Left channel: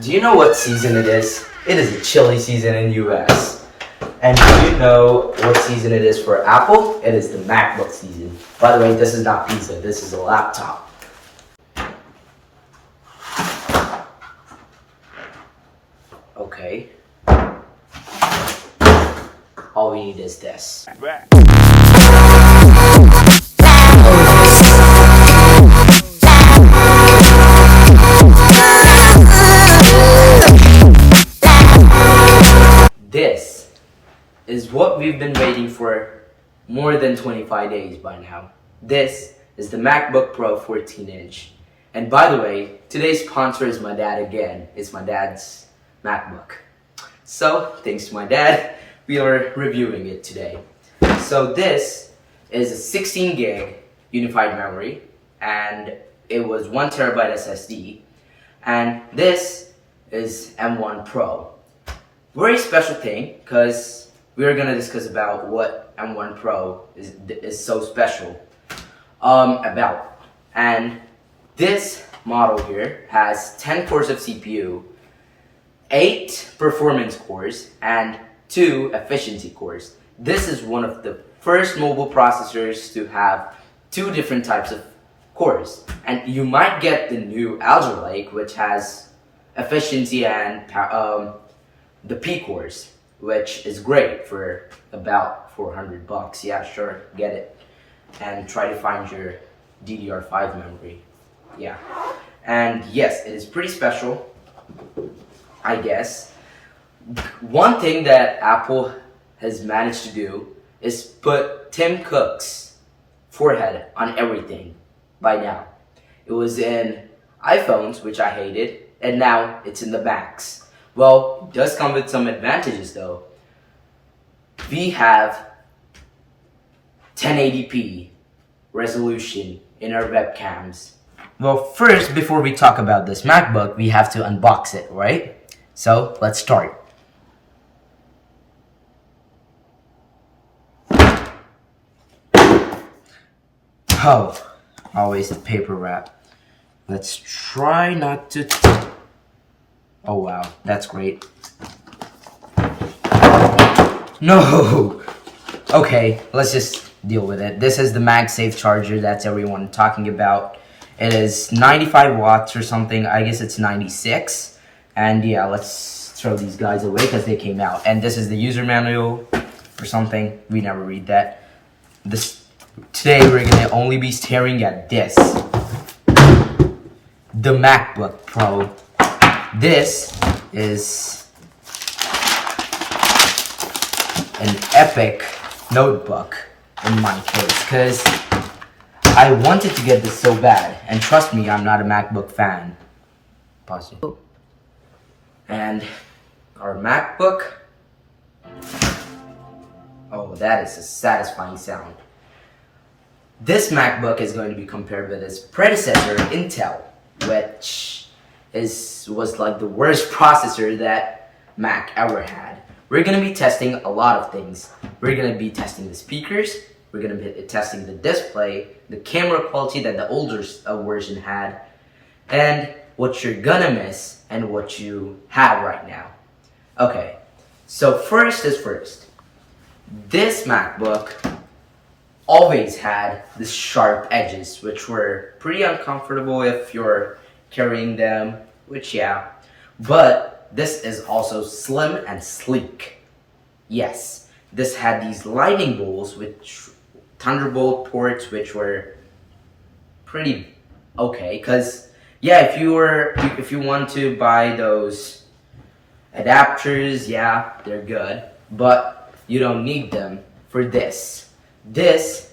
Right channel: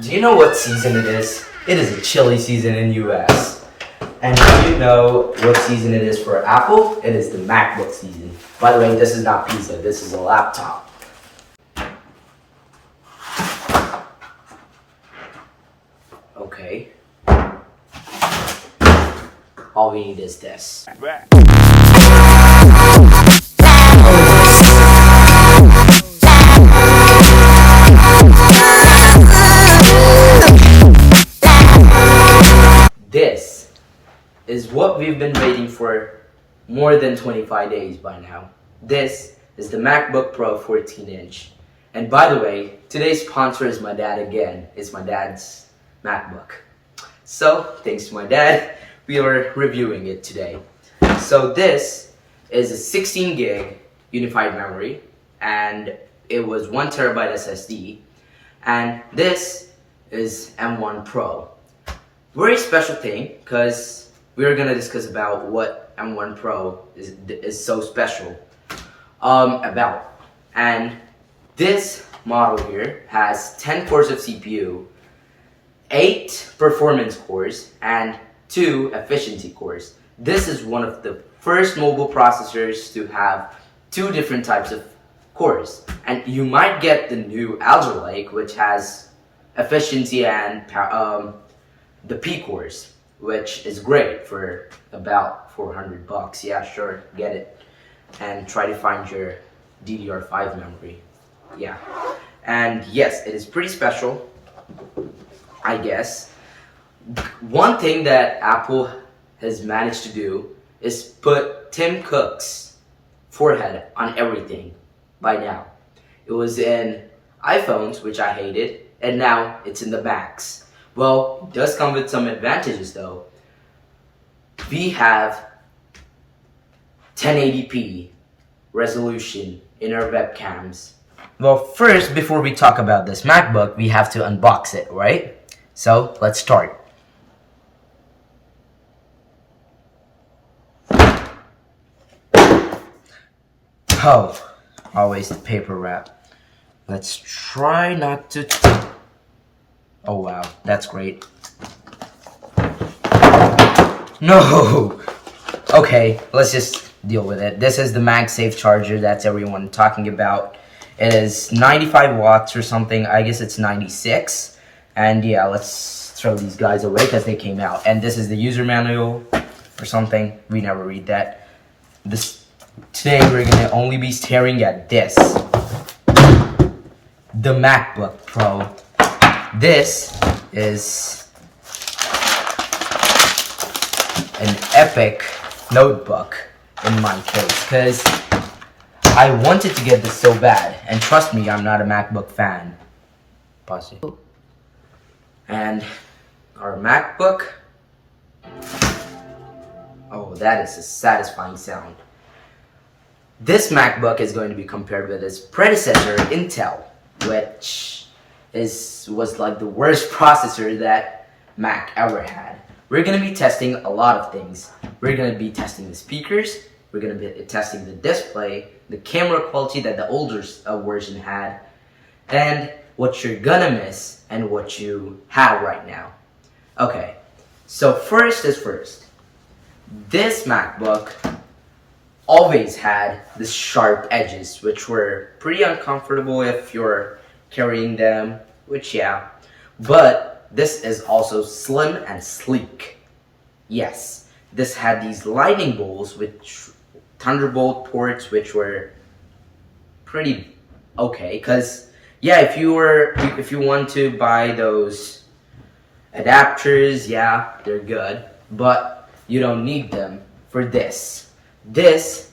Do you know what season it is? It is a chilly season in US. And do you know what season it is for Apple? It is the MacBook season. By the way, this is not pizza, this is a laptop. Okay. All we need is this. This is what we've been waiting for more than 25 days by now. This is the MacBook Pro 14-inch. And by the way, today's sponsor is my dad again. It's my dad's MacBook. So, thanks to my dad, we are reviewing it today. So this is a 16 gig unified memory, and it was 1 terabyte SSD. And this is M1 Pro. Very special thing, because we're gonna discuss about what M1 Pro is so special about. And this model here has 10 cores of CPU, 8 performance cores, and 2 efficiency cores. This is one of the first mobile processors to have 2 different types of cores. And you might get the new Alder Lake, which has efficiency and the P cores, which is great for about $400. Yeah, sure, get it. And try to find your DDR5 memory. Yeah. And yes, it is pretty special, I guess. One thing that Apple has managed to do is put Tim Cook's forehead on everything by now. It was in iPhones, which I hated, and now it's in the Macs. Well, it does come with some advantages though. We have 1080p resolution in our webcams. Well, first, before we talk about this MacBook, we have to unbox it, right? So, let's start. Oh, always the paper wrap. Let's try not to... Oh wow, that's great. No! Okay, let's just deal with it. This is the Magsafe Charger that's everyone talking about. It is 95 watts or something. I guess it's 96. And yeah, let's throw these guys away because they came out. And this is the user manual or something. We never read that. Today we're gonna only be staring at this. The MacBook Pro. This is an epic notebook in my case, because I wanted to get this so bad, and trust me, I'm not a MacBook fan. Pause it. And our MacBook. Oh, that is a satisfying sound. This MacBook is going to be compared with its predecessor, Intel, which was like the worst processor that Mac ever had. We're gonna be testing a lot of things. We're gonna be testing the speakers, we're gonna be testing the display, the camera quality that the older version had, and what you're gonna miss and what you have right now. Okay, so first is first. This MacBook always had the sharp edges, which were pretty uncomfortable if you're carrying them, which yeah, but this is also slim and sleek. Yes, this had these lightning bolts, which Thunderbolt ports, which were pretty okay, because yeah, if you want to buy those adapters, yeah, they're good, but you don't need them for this. This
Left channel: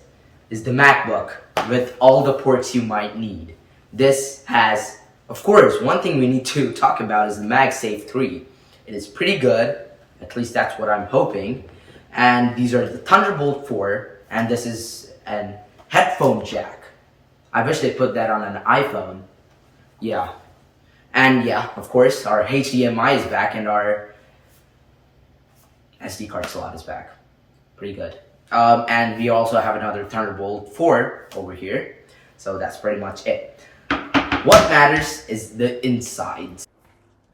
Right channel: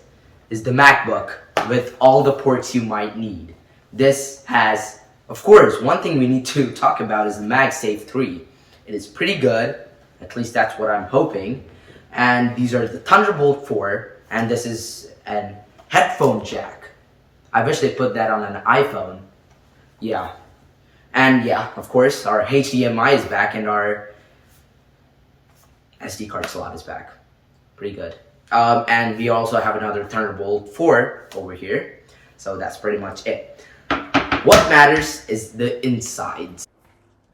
is the MacBook with all the ports you might need. This has, of course, one thing we need to talk about is the Magsafe 3. It is pretty good, at least that's what I'm hoping. And these are the Thunderbolt 4, and this is an headphone jack. I wish they put that on an iPhone. Yeah. And yeah, of course, our HDMI is back and our SD card slot is back. Pretty good. And we also have another Thunderbolt 4 over here. So that's pretty much it. What matters is the insides.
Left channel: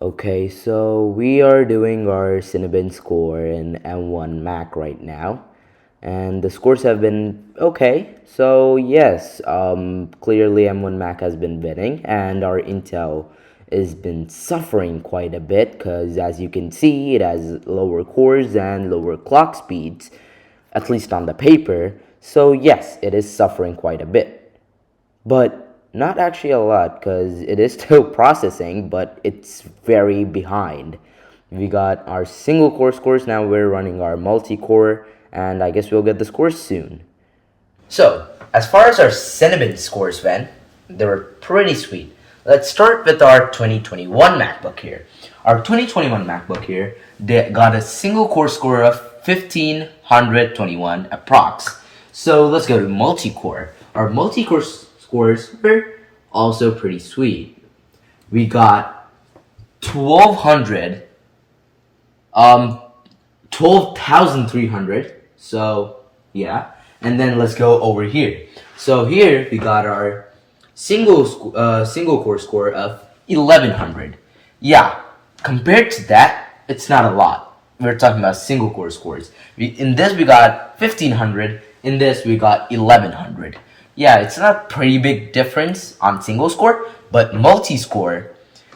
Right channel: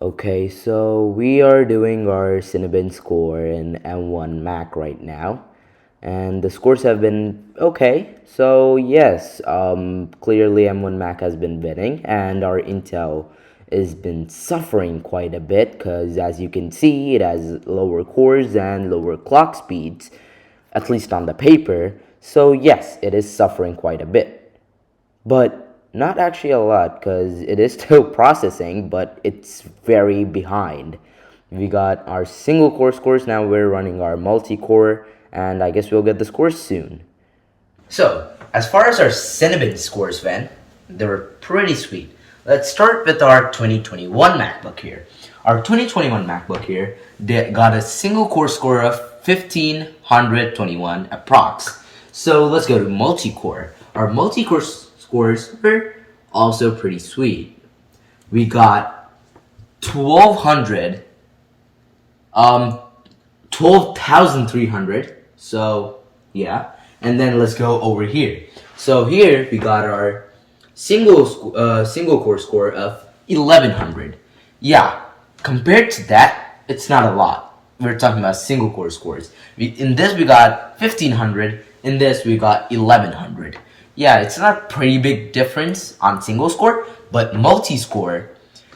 Okay, so we are doing our Cinnabon score in M1 Mac right now, and the scores have been okay. So yes, clearly M1 Mac has been winning, and our Intel has been suffering quite a bit because, as you can see, it has lower cores and lower clock speeds, at least on the paper. So yes, it is suffering quite a bit. But not actually a lot because it is still processing, but it's very behind. We got our single core scores, now we're running our multi-core, and I guess we'll get the scores soon. So, as far as our Cinnabon scores went, they were pretty sweet. Let's start with our 2021 MacBook here. Our 2021 MacBook here got a single core score of 1521 approx. So let's go to multi-core. Our multi-core scores were also pretty sweet. We got 1200, 12,300. So yeah, and then let's go over here. So here we got our single core score of 1100. Yeah, compared to that, it's not a lot. We're talking about single core scores. In this we got 1500. In this we got 1100. Yeah, it's not a pretty big difference on single score, but multi-score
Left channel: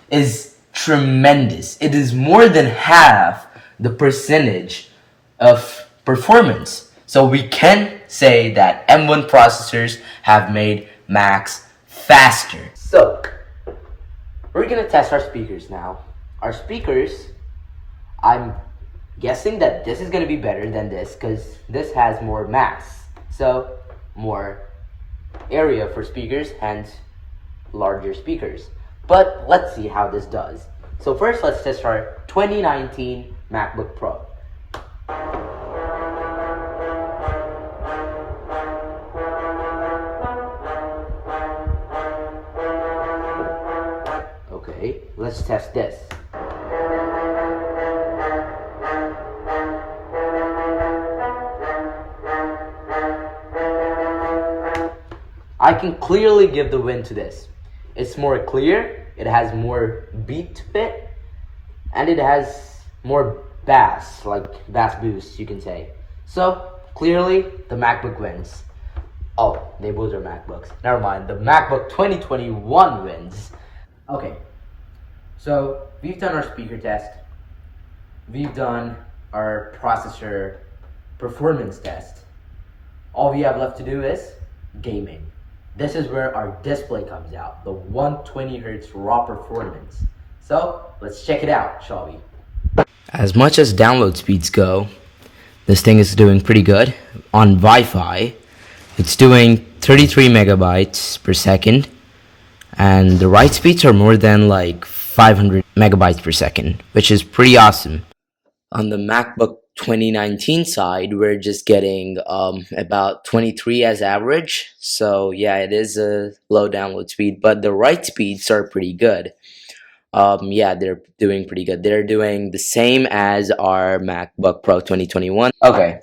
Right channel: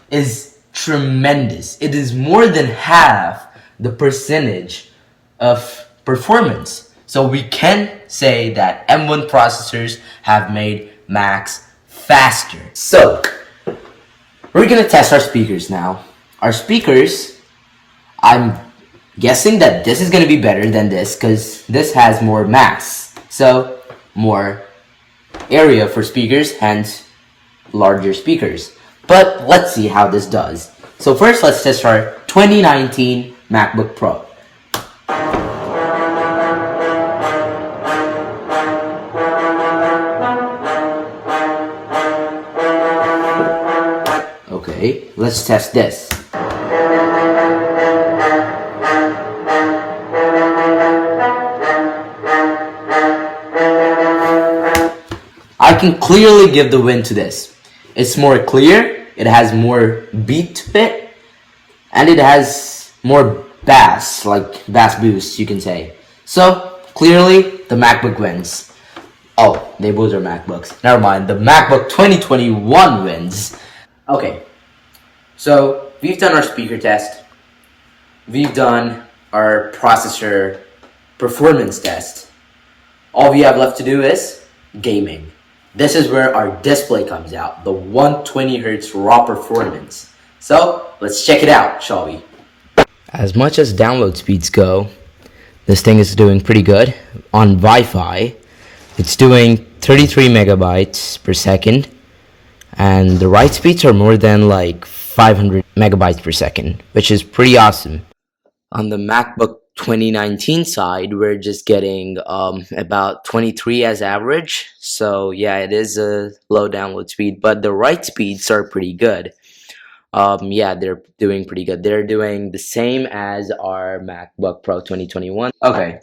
is tremendous. It is more than half the percentage of performance. So we can say that M1 processors have made Macs faster. So we're gonna test our speakers now. Our speakers, I'm guessing that this is gonna be better than this because this has more mass. So more area for speakers, hence larger speakers. But let's see how this does. So first, let's test our 2019 MacBook Pro. Okay, let's test this. I can clearly give the win to this. It's more clear, it has more beat to it, and it has more bass, like bass boost, you can say. So, clearly, the MacBook wins. Oh, they both are MacBooks. Never mind, the MacBook 2021 wins. Okay, so we've done our speaker test. We've done our processor performance test. All we have left to do is gaming. This is where our display comes out, the 120 Hz raw performance. So let's check it out, shall we? As much as download speeds go, this thing is doing pretty good. On Wi-Fi, it's doing 33 megabytes per second, and the write speeds are more than like 500 megabytes per second, which is pretty awesome. On the MacBook 2019 side, we're just getting about 23 as average. So yeah, it is a low download speed, but the write speeds are pretty good. Yeah, they're doing pretty good. They're doing the same as our MacBook Pro 2021. Okay,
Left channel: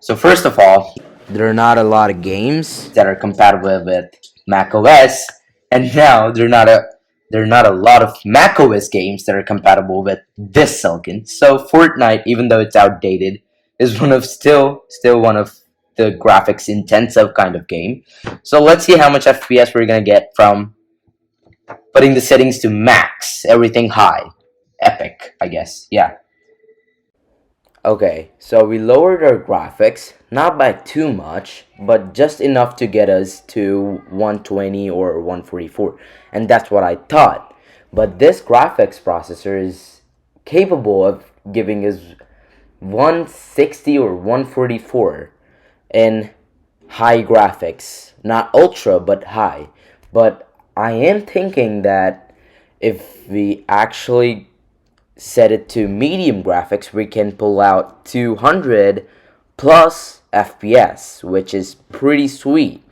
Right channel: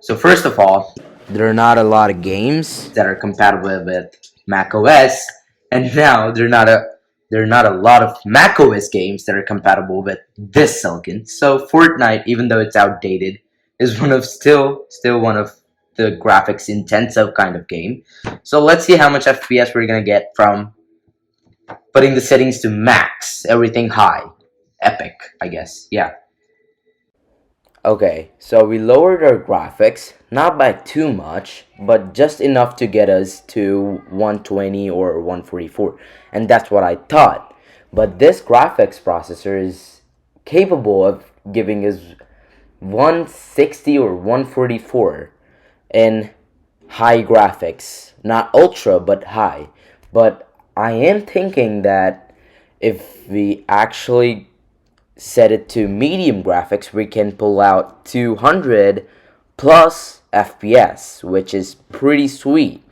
so first of all, there are not a lot of games that are compatible with macOS, and now there are not a lot of macOS games that are compatible with this silicon. So Fortnite, even though it's outdated, is still one of the graphics intensive kind of game. So let's see how much FPS we're gonna get from putting the settings to max, everything high. Epic, I guess. Yeah. Okay, so we lowered our graphics, not by too much, but just enough to get us to 120 or 144, and that's what I thought. But this graphics processor is capable of giving us 160 or 144 in high graphics, not ultra, but high. But I am thinking that if we actually set it to medium graphics, we can pull out 200 plus FPS, which is pretty sweet.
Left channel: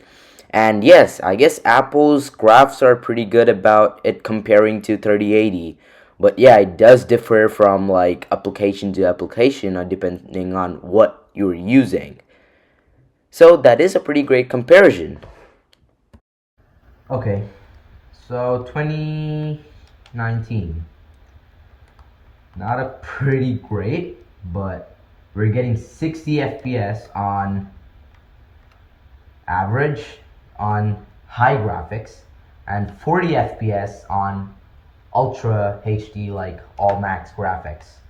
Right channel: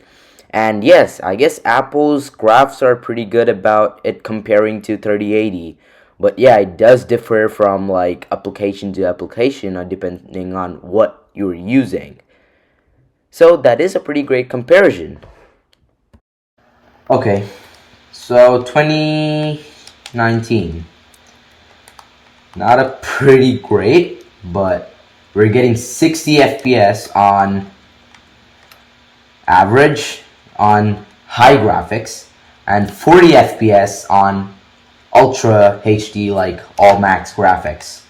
And yes, I guess Apple's graphs are pretty good about it comparing to 3080. But yeah, it does differ from like application to application depending on what you're using. So that is a pretty great comparison. Okay, so 2019. not a pretty great, but we're getting 60 FPS on average on high graphics and 40 FPS on Ultra HD, like all max graphics.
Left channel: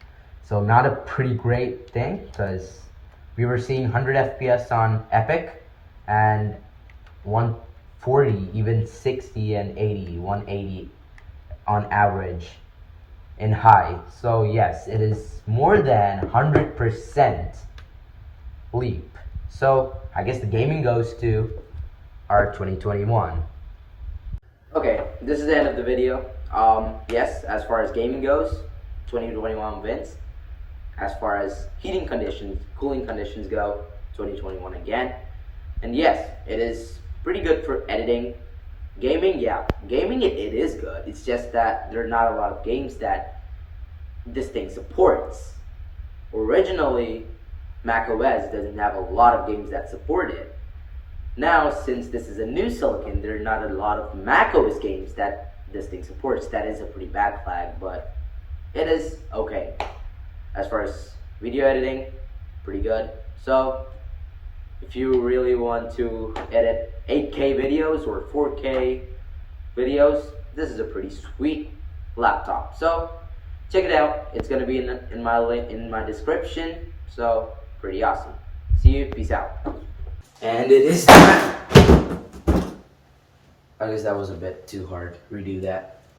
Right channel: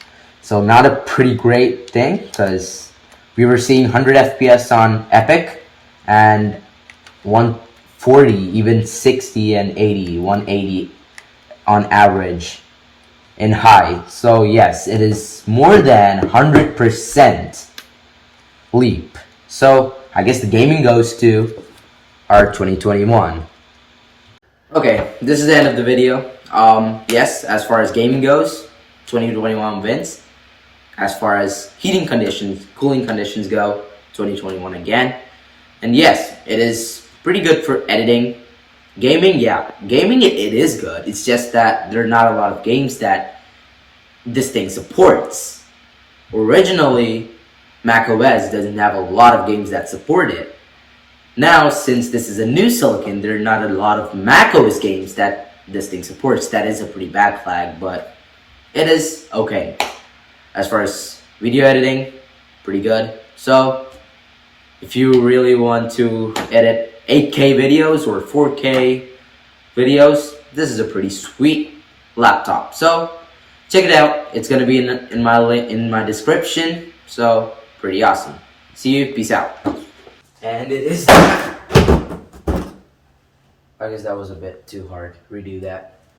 So not a pretty great thing, because we were seeing 100 FPS on Epic and 140, even 60 and 80, 180 on average in high. So yes, it is more than 100% leap. So I guess the gaming goes to our 2021. Okay, this is the end of the video. Yes, as far as gaming goes, 2021 wins. As far as heating conditions, cooling conditions go, 2021 again. And yes, it is pretty good for editing. Gaming, yeah, gaming it is good. It's just that there are not a lot of games that this thing supports. Originally, macOS doesn't have a lot of games that support it. Now, since this is a new silicon, there are not a lot of macOS games that this thing supports. That is a pretty bad flag, but it is okay. As far as video editing, pretty good. So, if you really want to edit 8K videos or 4K videos, this is a pretty sweet laptop. So, check it out. It's gonna be in my description. So, pretty awesome. See you. Peace out. And it is time. I guess that was a bit too hard. Redo that.